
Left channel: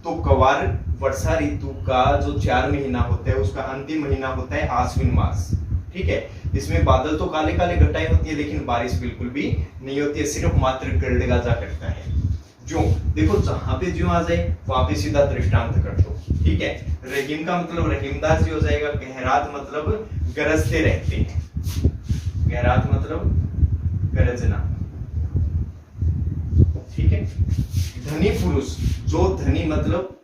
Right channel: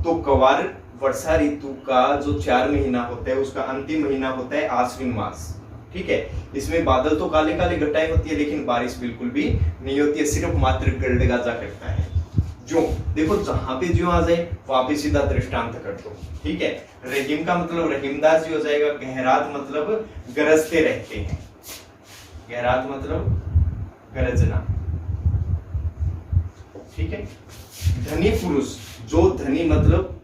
तो कवार वर्षा ऋतु का जो 4 महीना होता है उसका अंतिम महीना होता है आश्विन मास, ठीक है। इसमें बादल तो काले काले घटाएं होती है लेकिन बारिश बिल्कुल भी नहीं होती है, सिर्फ मात्र गरड़ गाजा करता है। जो देखो जहां पे जो आ जाए वहां पे सीधा दृष्टांत कर दो, ठीक है। रहीम का मतलब रहीमदास जी हो जाएगा। गहरात मतलब गरजते रहते हैं, गहरात मतलब गरजना, ठीक है। धनी पुरुष, जो धनी मतलब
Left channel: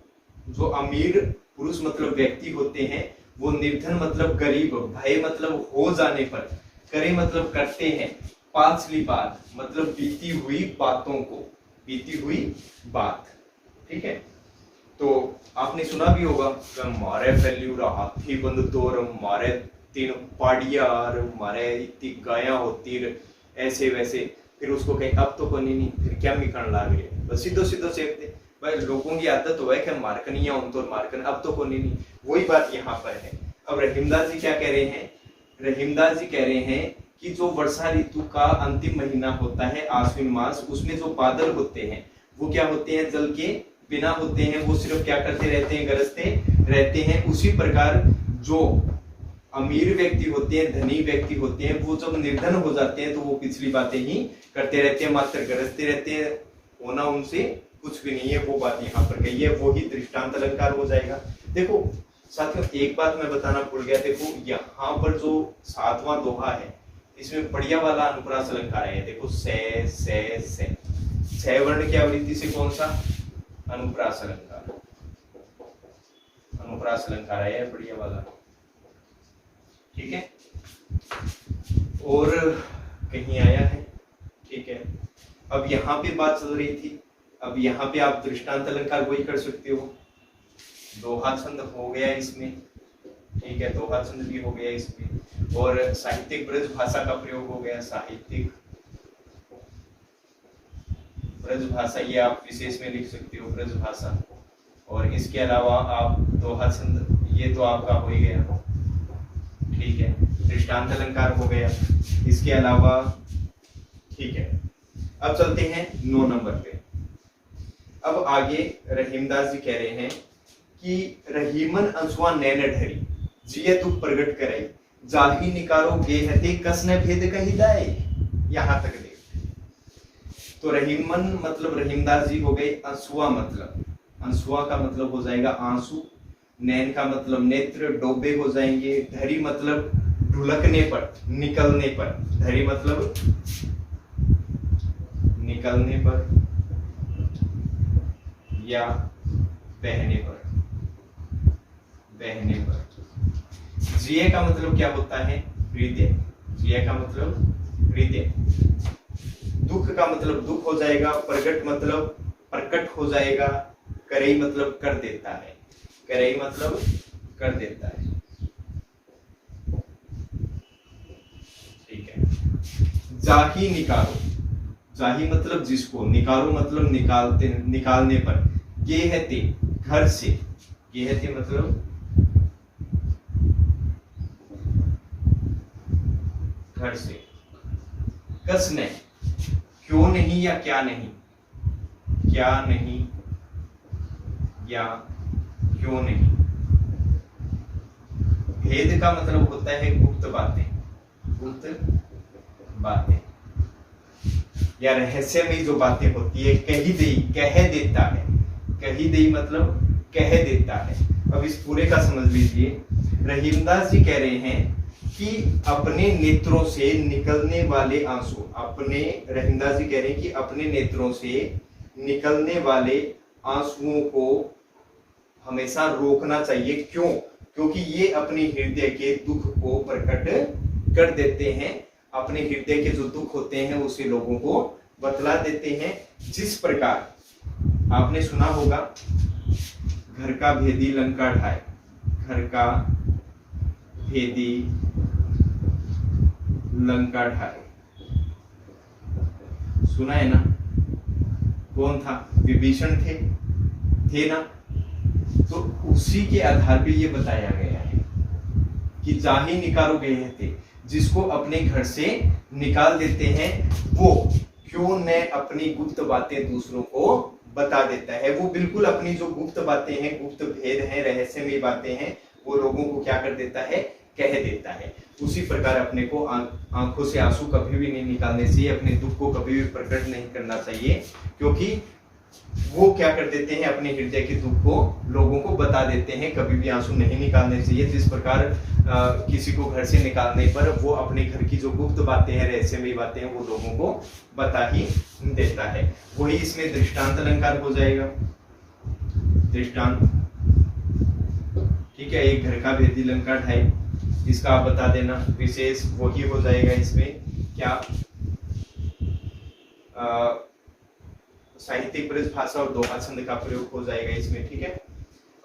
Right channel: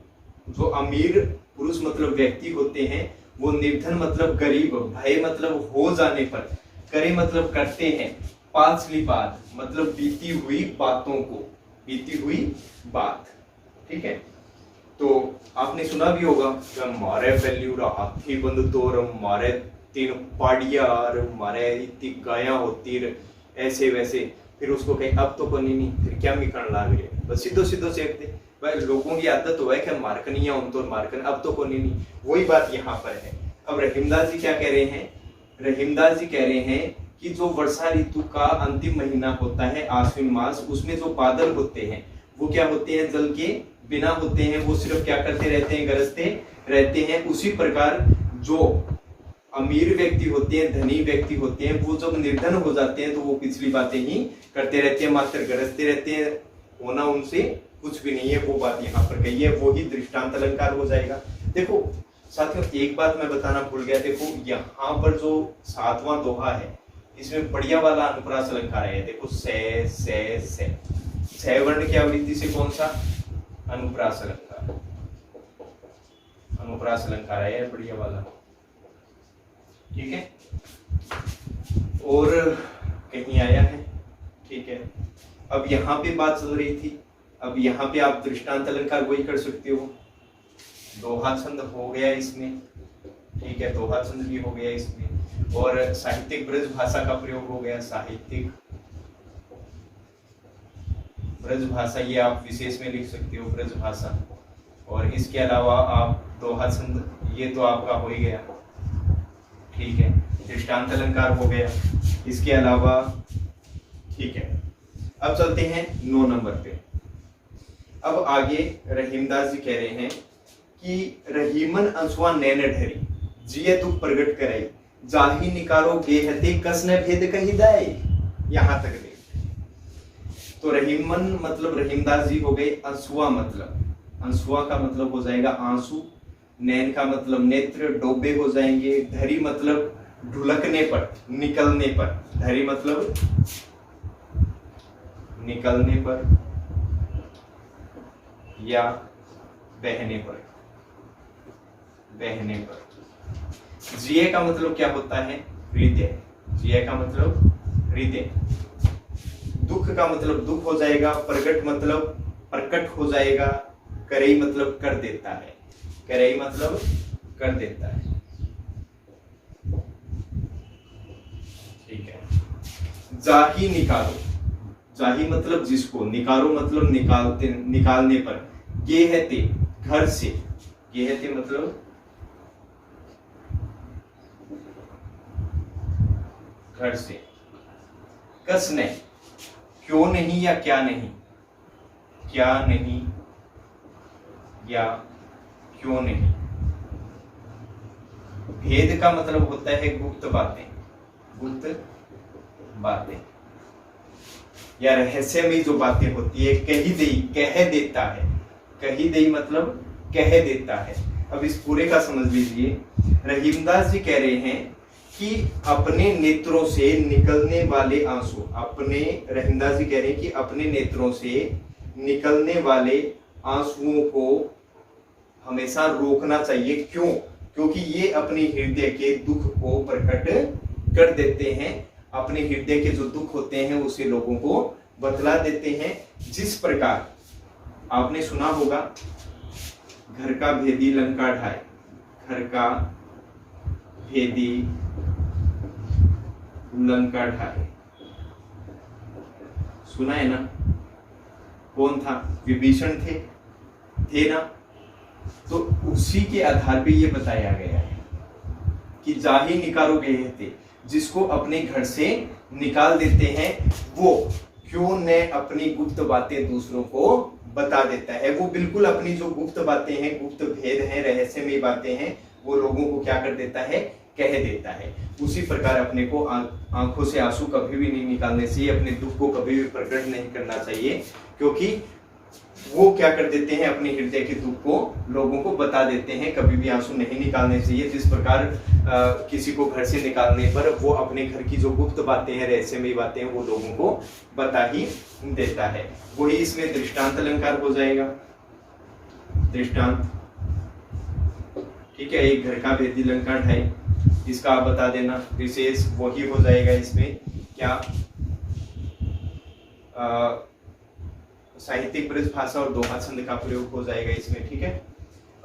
जो अमीर पुरुष मतलब व्यक्ति होते हैं, वो निर्धन मतलब गरीब, भय मतलब हो जाने पर, करे मतलब करते हैं, पाछली बात मतलब बीती हुई बातों को, बीती हुई बात, ठीक है। तो आपने सुना भी होगा मारे फैल्यूरा हाथी बंद तोर, मारे 3 पाड़िया, मारे इतनी गाया होती ऐसे वैसे, फिर उसको कहीं अब तो कोनी नहीं, फिर क्या मिकन ला गए, बस सीधो सीधो सेक दे। भाई लोगों की आदत हो है कि मार्कन या उन तो मार्कन, अब तो कोनी नहीं, वही बात यहाँ पर है। अब रहीमदास जी क्या कह रहे हैं, रहीमदास जी कह रहे हैं कि जो वर्षा ऋतु का अंतिम महीना होता है आश्विन मास, उसमें जो बादल होते हैं वो क्या होते हैं, जल के बिना होते हैं, वो सिर्फ क्या करते रहते हैं, गरजते रहते हैं। उसी प्रकार जो अमीर व्यक्ति होते हैं, धनी व्यक्ति होते हैं, वो जब निर्धन हो जाते हैं तो वो पिछली बातें ही करते रहते हैं, मात्र गरजते रहते हैं, होना उनसे कुछ भी नहीं है, वो बात यहाँ पर कही है, वो ही दृष्टांत अलंकार हो जाएगा। देखो साथियों एक बात मैं बताना भूल गया, देखो यहाँ पर जो 7वां दोहा है इसमें बढ़िया वाला अनुप्रास अलंकार है। देखो से वर्ण की आवृत्ति से कौन सा अनुप्रास अलंकार, अनुप्रास अलंकार है बढ़िया वाला, ठीक है। और कहीं आया है, ठीक है। अब यहाँ पे बात चल रही थी, अब यहाँ पे आप दृष्टांत अलंकार वही कर सकते हो, दोहा छंद हो गया इसमें, ठीक है, दोहा छंद भी हो गया इसमें, और साहित्यिक ब्रज भाषा का प्रयोग हो गया, साहित्यिक ब्रज भाषा ये आप विशेष में लिख सकते हो ब्रज भाषा, और इसके अलावा आप दोहा छंद ये तो आपका हो ही गया, ठीक है, दृष्टांत अलंकार हो गया, इसके अलावा, ठीक है। अब चलते हैं 9 नंबर पे। अब आगे रहीमदास जी कह रहे हैं कि रहीमन अंशुआ नैन ढरी जिये तू प्रगट कराई जाही निकारो गेहते कसने भेद कही दाए, यहां तक दे। तो रहीमन मतलब रहीमदास जी हो गए, अंशुआ मतलब, अंशुआ का मतलब हो जाएगा आंसू, नैन का मतलब नेत्र, डोबे हो जाएंगे, धरी मतलब ढुलकने पर, निकलने पर, धरी मतलब निकलने पर या बहने पर, बहने पर। जिये का मतलब क्या होता है हृदय, जिये का मतलब हृदय। दुख का मतलब दुख हो जाएगा, प्रगट मतलब प्रकट हो जाएगा, करई मतलब कर देता है, करई मतलब कर देता है, ठीक है। जाही निकालो, जाही मतलब जिसको, निकालो मतलब निकालते, निकालने पर, गेहते घर से, गेहते मतलब घर से, कसने क्यों नहीं या क्या नहीं, क्या नहीं या क्यों नहीं। भेद का मतलब होता है गुप्त बातें, गुप्त बातें या रहस्य में जो बातें होती है, कही दई कह देता है, कही दई मतलब कह देता है। अब इस पूरे का समझ लीजिए, रहीमदास जी कह रहे हैं कि अपने नेत्रों से निकलने वाले आंसू, अपने, रहीमदास जी कह रहे हैं कि अपने नेत्रों से निकलने वाले आंसुओं को हमेशा रोकना चाहिए। क्यों? क्योंकि ये अपने हृदय के दुख को प्रकट कर देते हैं, अपने हृदय के जो दुख होते हैं उसे लोगों को बतला देते हैं। जिस प्रकार आपने सुना होगा, घर का भेदी लंका ढाए, घर का भेदी लंका ढाए, सुना है ना? कौन था? विभीषण थे ना? तो उसी के आधार पे ये बताया गया है कि जाही निकालो गए थे, जिसको अपने घर से निकाल देते हैं वो क्यों न अपनी गुप्त बातें दूसरों को बता देता है। वो बिल्कुल अपनी जो गुप्त बातें हैं, गुप्त भेद हैं, रहस्यमय बातें हैं, वो लोगों को क्या कर देता है? कह देता है। उसी प्रकार अपने को आंखों से आंसू कभी भी नहीं निकालने चाहिए, अपने दुख को कभी भी प्रकट नहीं करना चाहिए, क्योंकि वो क्या कर देते हैं? अपने हृदय के दुख को लोगों को बता देते हैं। कभी भी आंसू नहीं निकालने चाहिए। जिस प्रकार किसी को घर से निकालने पर वो अपने घर की जो गुप्त बातें हैं, रहस्यमयी बातें हैं, वो लोगों को बता ही देता है। वही इसमें दृष्टांत अलंकार हो जाएगा। दृष्टांत, ठीक है। एक घर का भेदी लंका ढाई, इसका आप बता देना। विशेष वही हो जाएगा इसमें क्या? साहित्यिक ब्रज भाषा और दोहा छंद का प्रयोग हो जाएगा इसमें, ठीक है।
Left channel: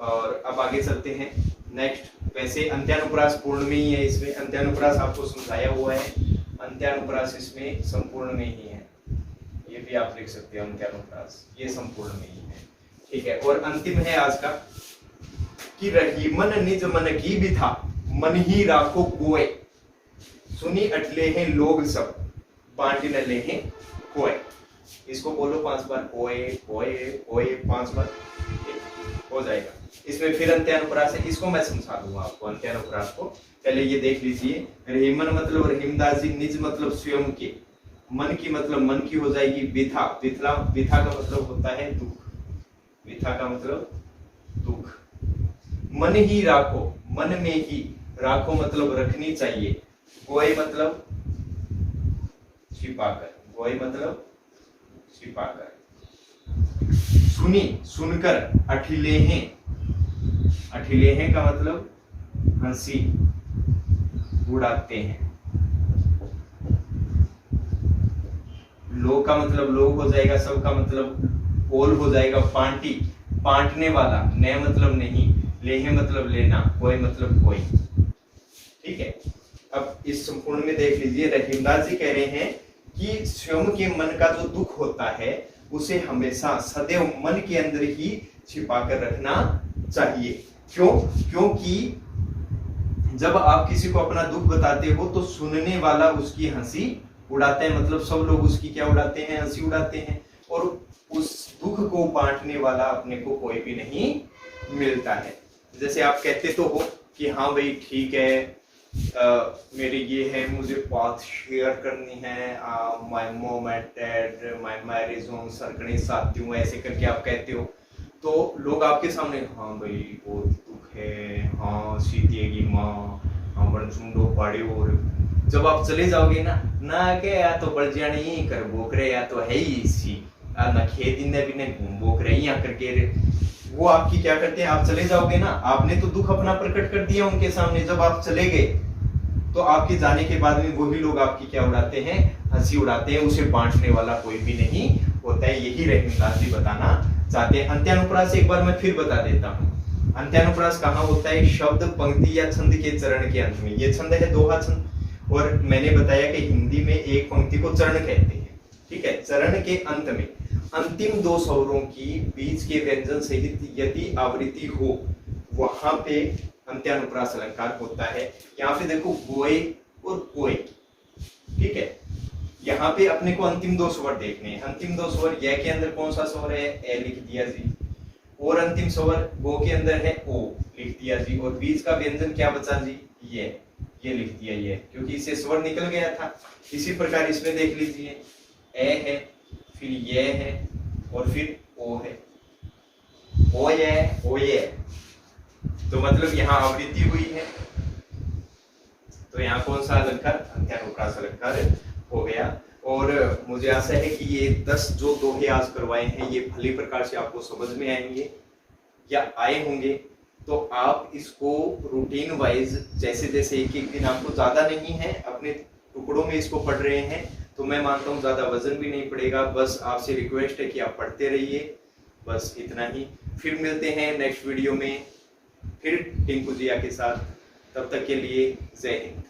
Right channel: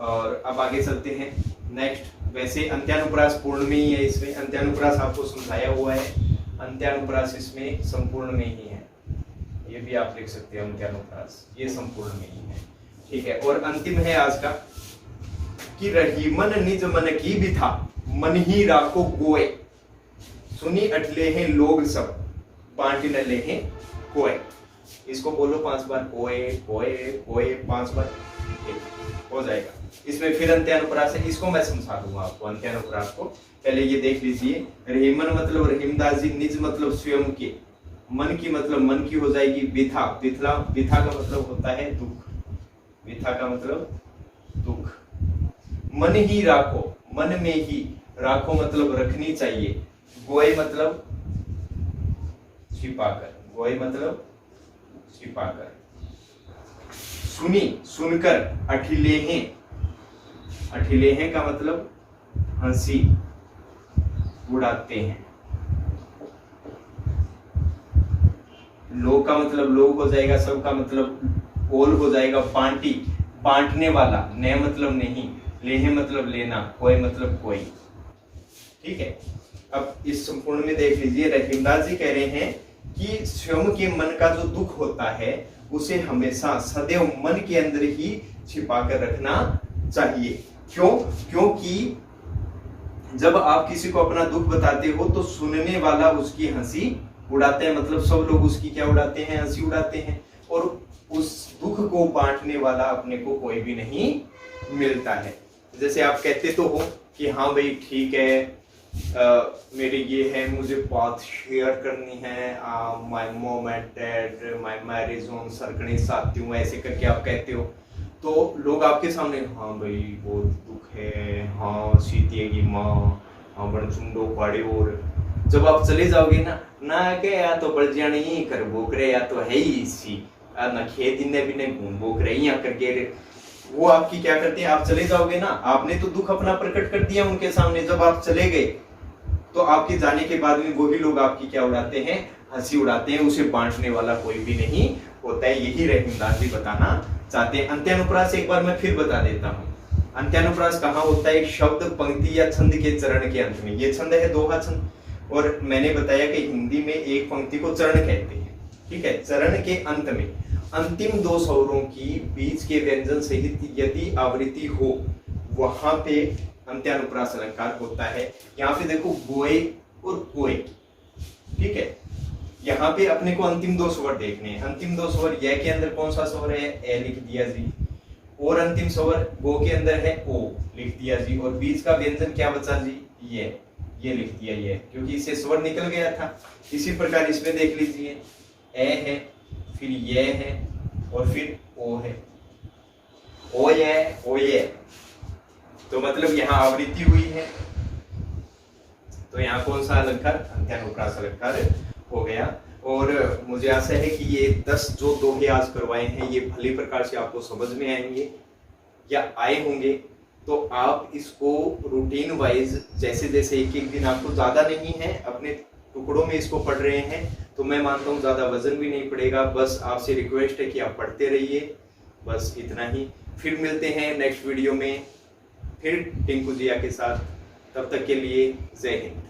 और अब आगे चलते हैं नेक्स्ट। वैसे अंत्यानुप्रास पूर्ण में ही है, इसमें अंत्यानुप्रास आपको समझाया हुआ है। अंत्यानुप्रास इसमें संपूर्ण में ही है, ये भी आप लिख सकते हो। अंत्यानुप्रास ये संपूर्ण में ही है, ठीक है। और अंतिम है आज का कि रहीमन निज मन की भी था, मन ही राखो कोय, सुनी अटले हैं लोग सब, बांट न ले हैं कोय। इसको बोलो 5 बार, कोय कोय कोय 5 बार, हो जाएगा। इसमें फिर अंत्यानुप्रास है, इसको मैं समझा दूंगा आपको अंत्यानुप्रास को। पहले ये देख लीजिए। रहीमन मतलब रहीमदास जी, निज मतलब स्वयं के, मन की मतलब मन की हो जाएगी विथा, विथा का मतलब होता है दुख, विथा का मतलब दुख। मन ही राखो, मन में ही राखो मतलब रखनी चाहिए। गोय मतलब छिपाकर, गोय मतलब छिपाकर। सुनी, सुनकर। अठिलेहें, अठिलेहें का मतलब हंसी उड़ाते हैं। लो का मतलब लोग हो जाएगा, सब का मतलब ओल हो जाएगा। पांटी, बांटने वाला। ने मतलब नहीं, लेहे मतलब लेना, कोई मतलब कोई। ठीक है, अब इस संपूर्ण में देख लीजिए, रहीमदास जी कह रहे हैं कि स्वयं के मन का जो दुख होता है उसे हमेशा सदैव मन के अंदर ही छिपा कर रखना चाहिए। क्यों? क्योंकि जब आप किसी को अपना दुख बताते हो तो सुनने वाला उसकी हंसी उड़ाते हैं, मतलब सब लोग उसकी क्या उड़ाते हैं? हंसी उड़ाते हैं। और उस दुख को बांटने वाला अपने को कोई भी नहीं मिलता है। जैसे आप कहते तो हो कि हाँ भाई ठीक है, मेरी ये है, मुझे बात शेयर करनी है, my mom and dad, my marriage on सरकणी साथी हूँ, ऐसे करके आप कहते हो तो लोग आपके सामने हाँ भाई बहुत दुख है, हाँ सीतेगी माँ, हाँ बनसुंडो पाड़े। और जब आप चले जाओगे ना के या तो बढ़ जाने ही कर बोकरे, या तो है ही इसी ना खेती ने भी नहीं घूम बोकरे यहाँ करके, वो आपकी क्या करते हैं? आप चले जाओगे ना, आपने तो दुख अपना प्रकट कर दिया उनके सामने, जब आप चले गए तो आपके जाने के बाद में वही लोग आपकी क्या उड़ाते हैं? हंसी उड़ाते हैं। उसे बांटने वाला कोई भी नहीं होता है। यही रहीमदास जी बताना चाहते हैं। अंत्यानुप्रास एक बार मैं फिर बता देता हूँ। अंत्यानुप्रास कहाँ होता है? शब्द, पंक्ति या छंद के चरण के अंत में। ये छंद है दोहा छंद, और मैंने बताया कि हिंदी में एक पंक्ति को चरण कहते हैं। ठीक है, चरण के अंत में अंतिम दो स्वरों की बीच के व्यंजन सहित यदि आवृत्ति हो, वहां पे अंत्यानुप्रास अलंकार होता है। यहाँ पे देखो गोए और कोए। ठीक है, यहाँ पे अपने को अंतिम दो स्वर देखने हैं। अंतिम दो स्वर, य के अंदर कौन सा स्वर है? ए लिख दिया जी। और अंतिम स्वर गो के अंदर है ओ, लिख दिया जी। और बीच का व्यंजन क्या बचा जी? ये लिख दिया ये, क्योंकि इससे स्वर निकल गया था। इसी प्रकार इसमें देख लीजिए, ए है, फिर ये है, और फिर ओ है। ओ ये, तो मतलब यहाँ आवृत्ति हुई है, तो यहाँ कौन सा अलंकार? अंत्यानुप्रास अलंकार हो गया। और मुझे आशा है कि ये 10 जो दोहे आज करवाए हैं ये भली प्रकार से आपको समझ में आएंगे या आए होंगे। तो आप इसको रूटीन वाइज, जैसे जैसे एक एक दिन, आपको ज्यादा नहीं है, अपने टुकड़ों में इसको पढ़ रहे हैं तो मैं मानता हूँ ज्यादा वजन भी नहीं पड़ेगा। बस आपसे रिक्वेस्ट है कि आप पढ़ते रहिए, बस इतना ही। फिर मिलते हैं नेक्स्ट वीडियो में, फिर टिंकू जिया के साथ। तब तक के लिए जय हिंद।